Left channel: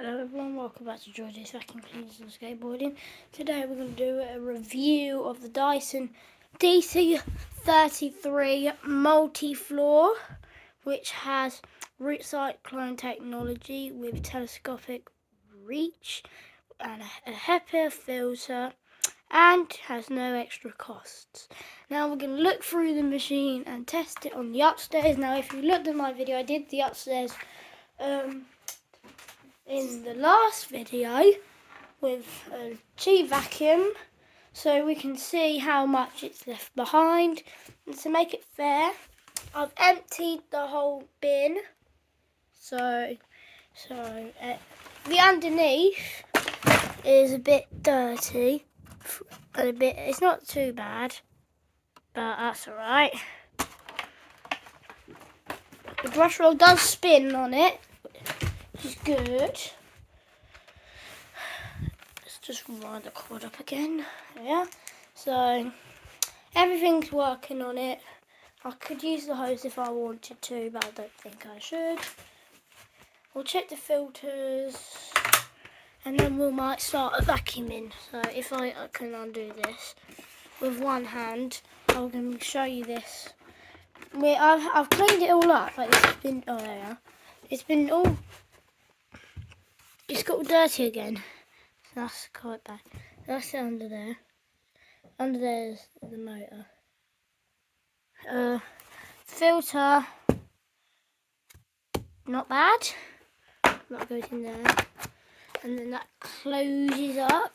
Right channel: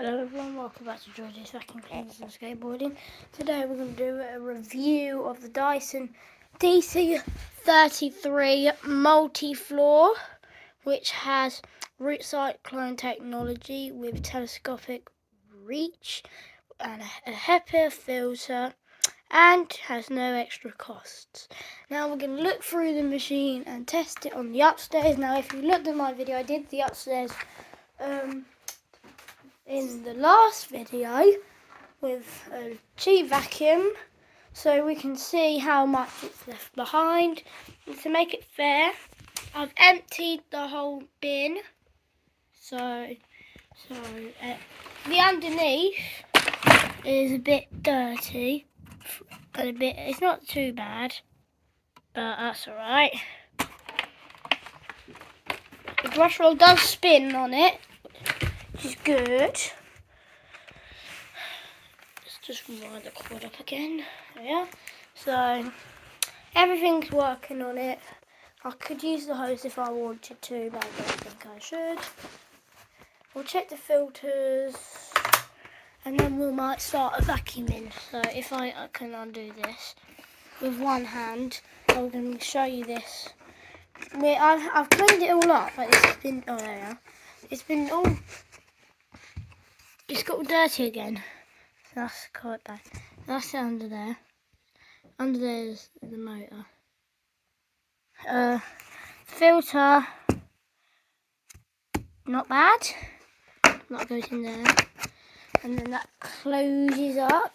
Hello everyone, welcome back to George's Vacuum Cleaners and Skateboarding. Today we're going to do a review of the Dyson dc33 multi-floor, which has root cyclone technology with telescopic reach and a HEPA filter, and has no extra costs. Now we're going to look through the machine and test it on the upstairs. Now if you looked at my video, I did the upstairs in the last video with a cheap vacuum, so we can see how much it's left behind. And to make it fair, I've emptied the whole bin, so the underneath is a bit dirty, it's not too bad, but that's alright. The brush roll does spin on it, which is good. Let's just wind the cord up again. Yeah. So everything's working on it. I could use the hose if I wanted to, but I don't think I should. We'll check the filters and then we might start vacuuming. So if I can undo this with one hand, I'm going to show you this. I've cleaned it all up, but it's been, oh there we are. It's got dirty again. That's quite bad. That's under there. Under there is the motor. Filter, not bad. That goes in there. And then that closes up.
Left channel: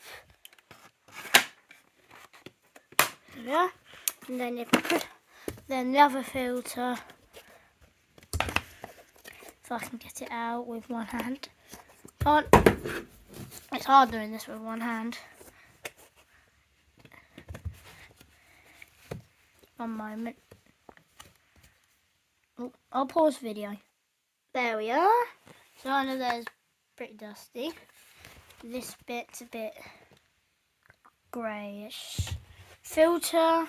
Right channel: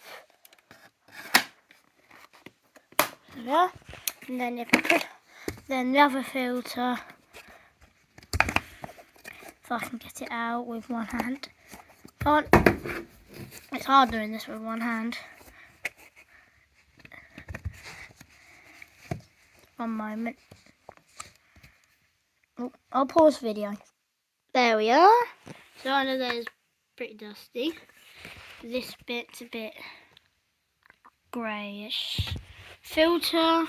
There. And then if I could, then the other filter, if I can get it out with one hand. It's hard doing this with one hand. One moment. Oh, I'll pause the video. There we are. So under there is pretty dusty. This bit's a bit greyish. Filter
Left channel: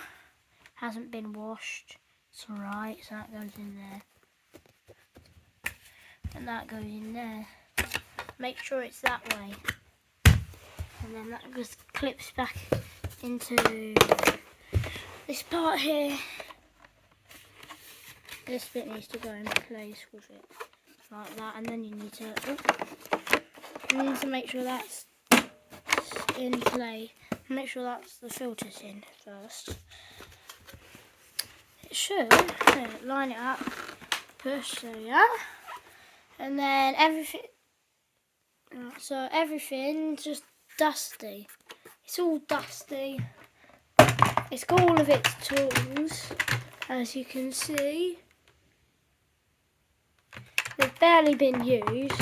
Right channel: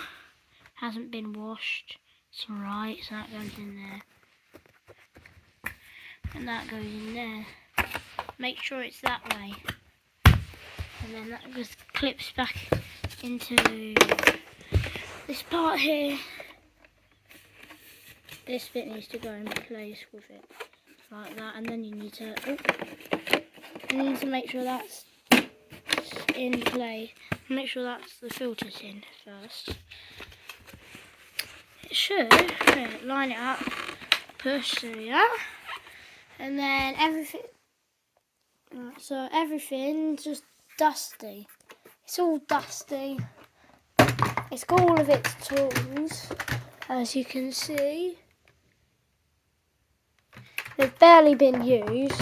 hasn't been washed. It's alright, so that goes in there. And that goes in there. Make sure it's that way. And then that just clips back into this part here. This bit needs to go in place with it, like that. And then you need to make sure that's in place. Make sure that's the filters in first. It should. Okay, line it up. Push. There we are. And then everything. So everything's just dusty. It's all dusty. It's got all of its tools, as you can see. They've barely been used.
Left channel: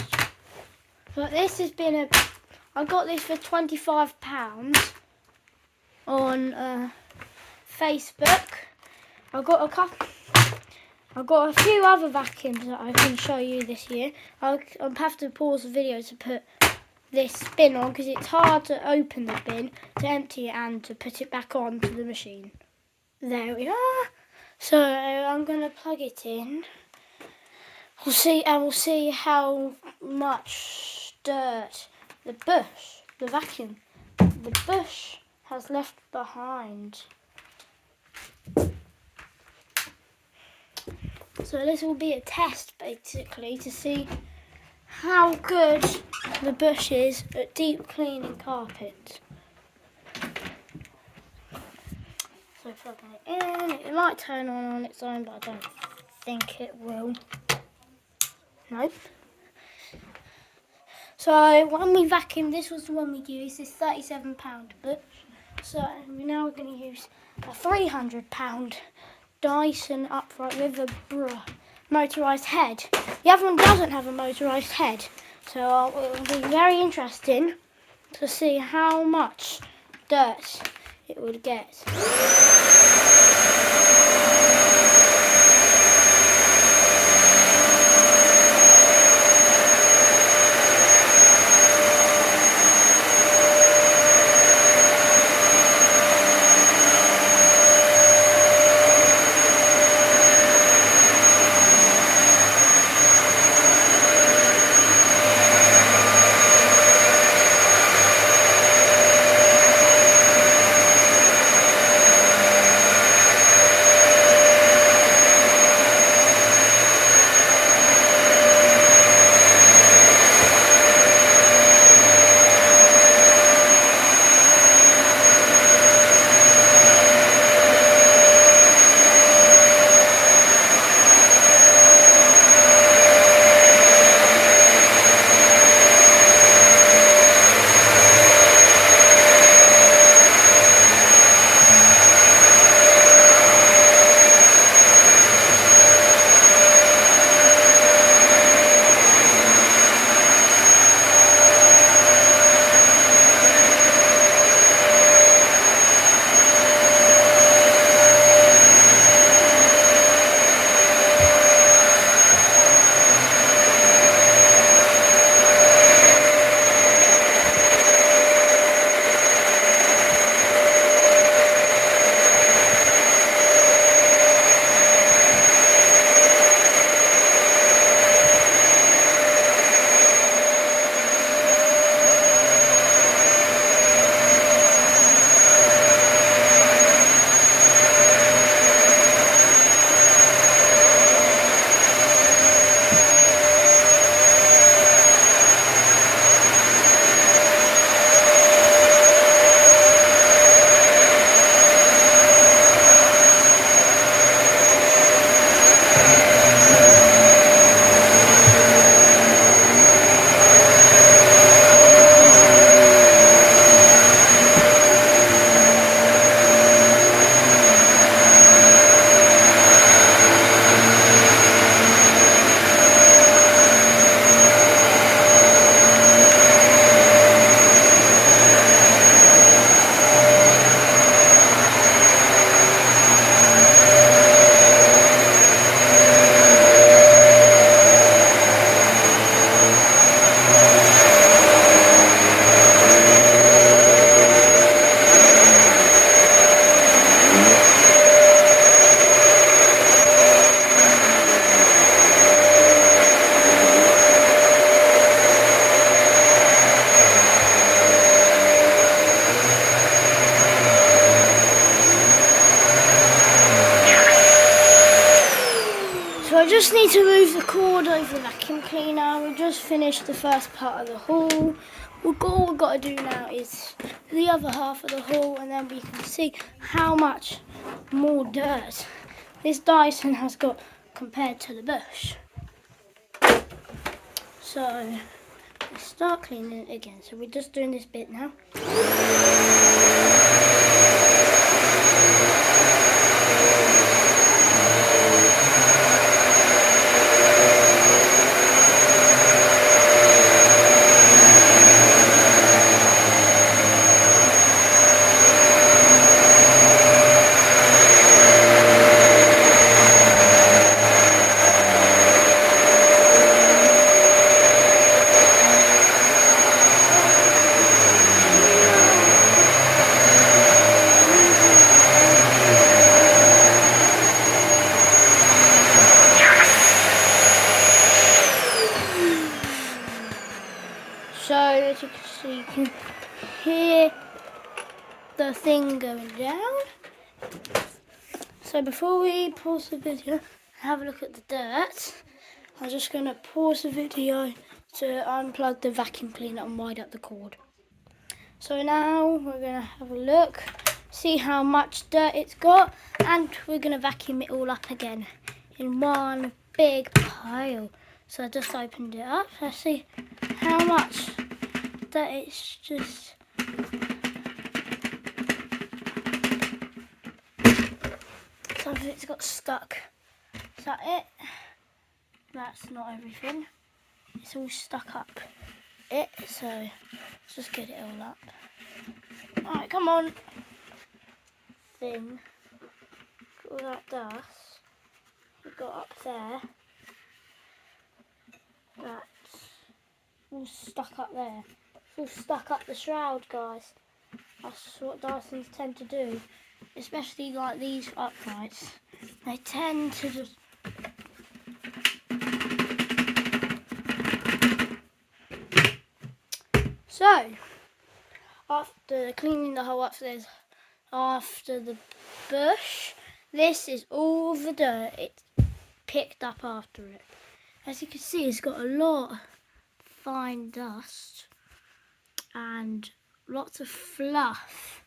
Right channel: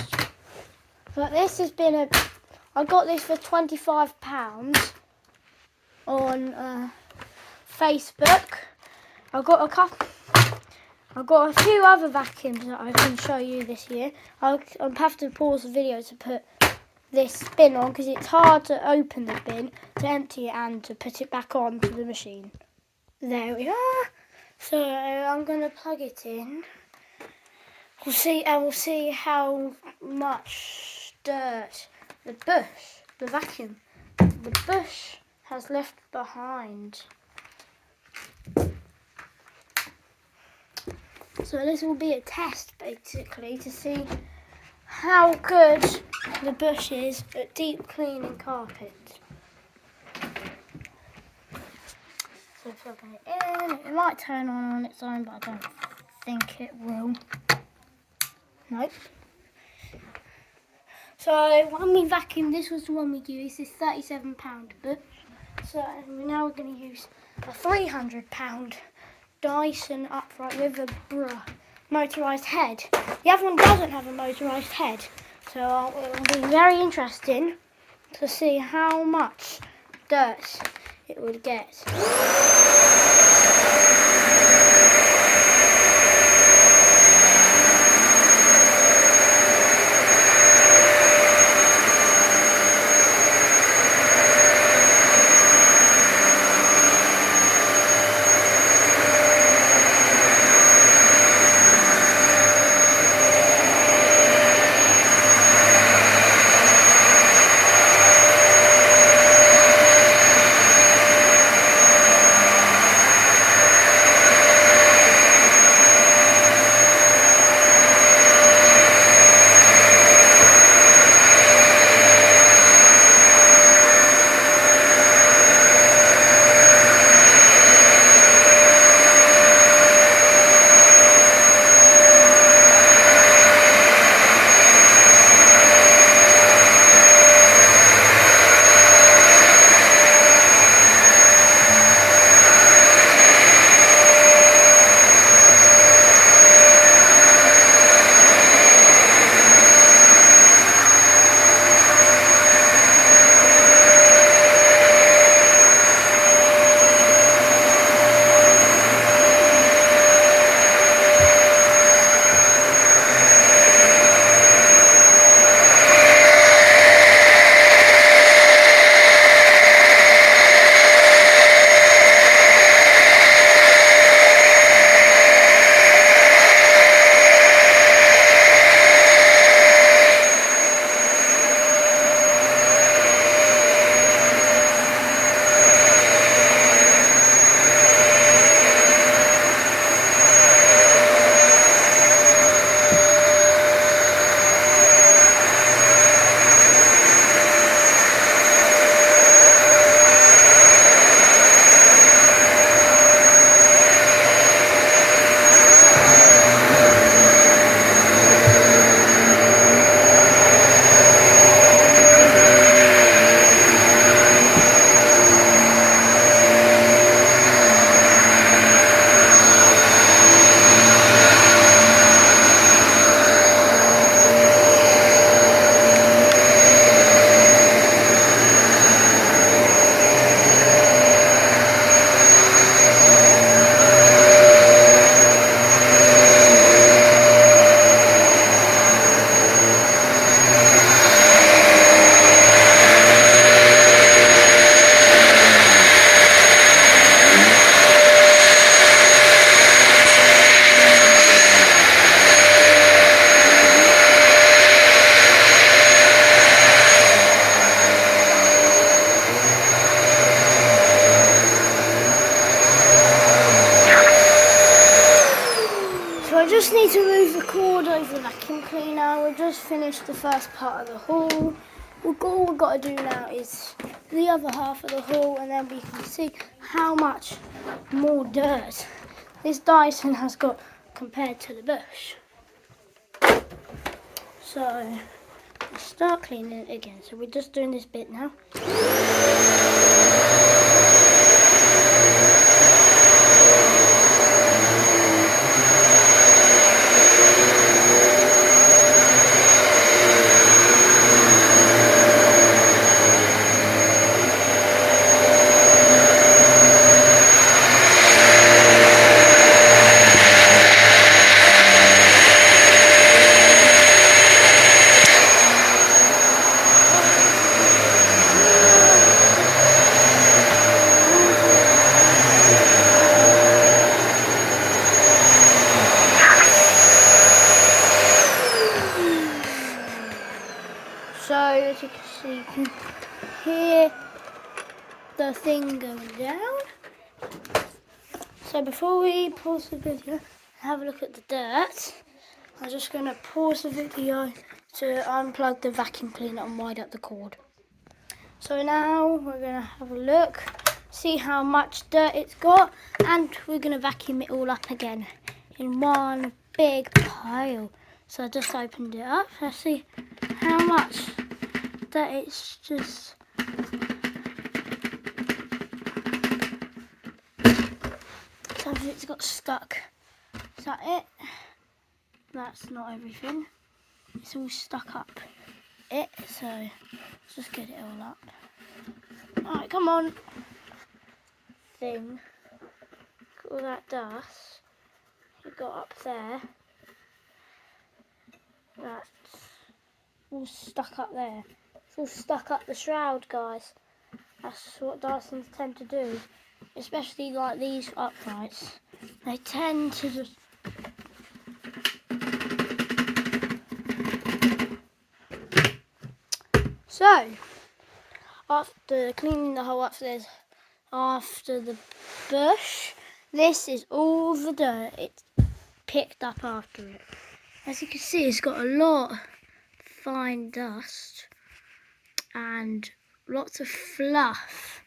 But this has been I got this for £25 on Facebook. I've got a few other vacuums that I can show you this year. I'll have to pause the video to put this bin on because it's hard to open the bin, to empty it and to put it back onto the machine. There we are. So I'm going to plug it in. We'll see how much dirt the vacuum has left behind. So this will be a test basically to see how good the bush is at deep cleaning carpet. So plugging it in, it might turn on its own, but I don't think it will. Nope. So when we vacuumed, this was the one we used, this £37 bush. So now we're going to use a £300 Dyson upright with a motorised head. The other one doesn't have a motorised head, so it will be very interesting to see how much dirt it would get. cleaner. We've just finished the first part of the haul. All we've got to do now is the other half of the haul, and then we can see how much more dirt this Dyson has got compared to the bush. So let's start cleaning it again. So we're just doing this bit now. So as you can see, you can hear the thing going down. So before we pause the video, have a look at the dirt. I'm just going to pause the video to unplug the vacuum cleaner and wind up the cord. So now we're going to have a look, see how much dirt it's got, and we're going to vacuum it all up again in one big pile. So I just opened it up. Let's see how much that it's just. Something's got stuck. Is that it? That's not everything. It's all stuck up it, so let's just get it all up. Alright, come on. Thing. All that dust you got up there. That's all stuck up there. It's all stuck up the shroud, guys. That's what Dysons tend to do. Especially like these uprights. They tend to just so after cleaning the whole upstairs after the bush, this is all the dirt it's picked up after it. As you can see, it's got a lot of fine dust and lots of fluff.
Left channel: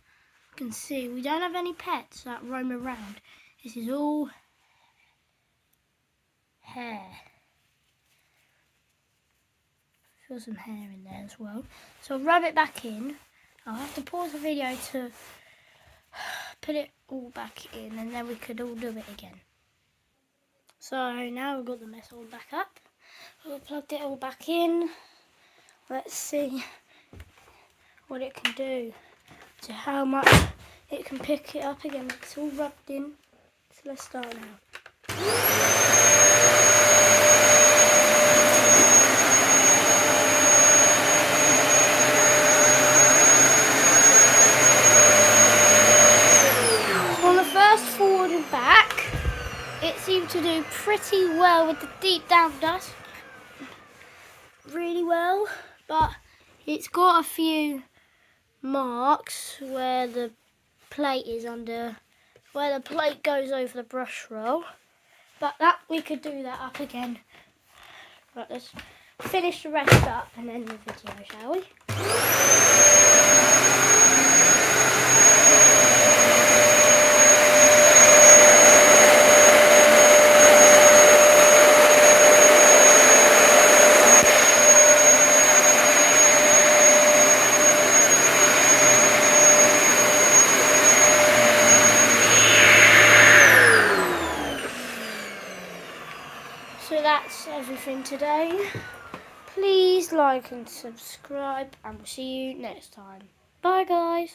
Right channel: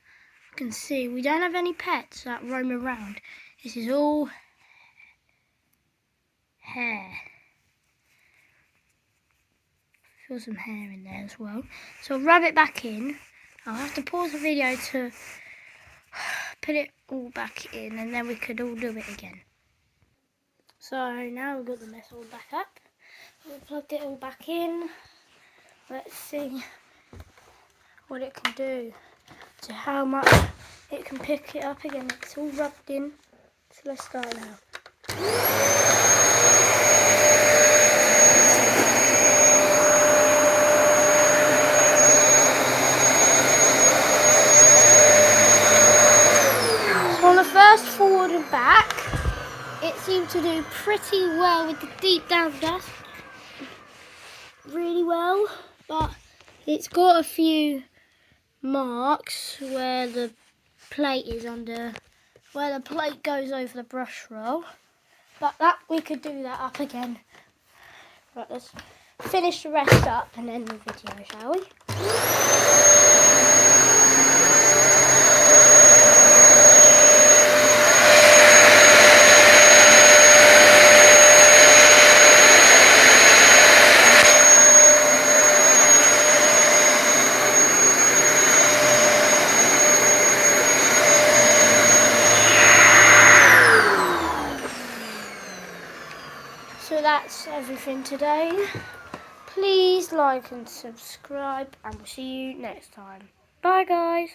You can see we don't have any pets that roam around. This is all hair. Feel some hair in there as well. So I'll rub it back in. I'll have to pause the video to put it all back in, and then we could all do it again. So now we've got the mess all back up. We've plugged it all back in. Let's see what it can do. So how much it can pick it up again. It's all rubbed in. So let's start now. So on the first forward and back, it seemed to do pretty well with the deep down dust. Really well, but it's got a few marks where the plate is under, where the plate goes over the brush roll, but that we could do that up again. Right, let's finish the rest up and end the video, shall we? So that's everything today. Please like and subscribe, and we'll see you next time. Bye guys.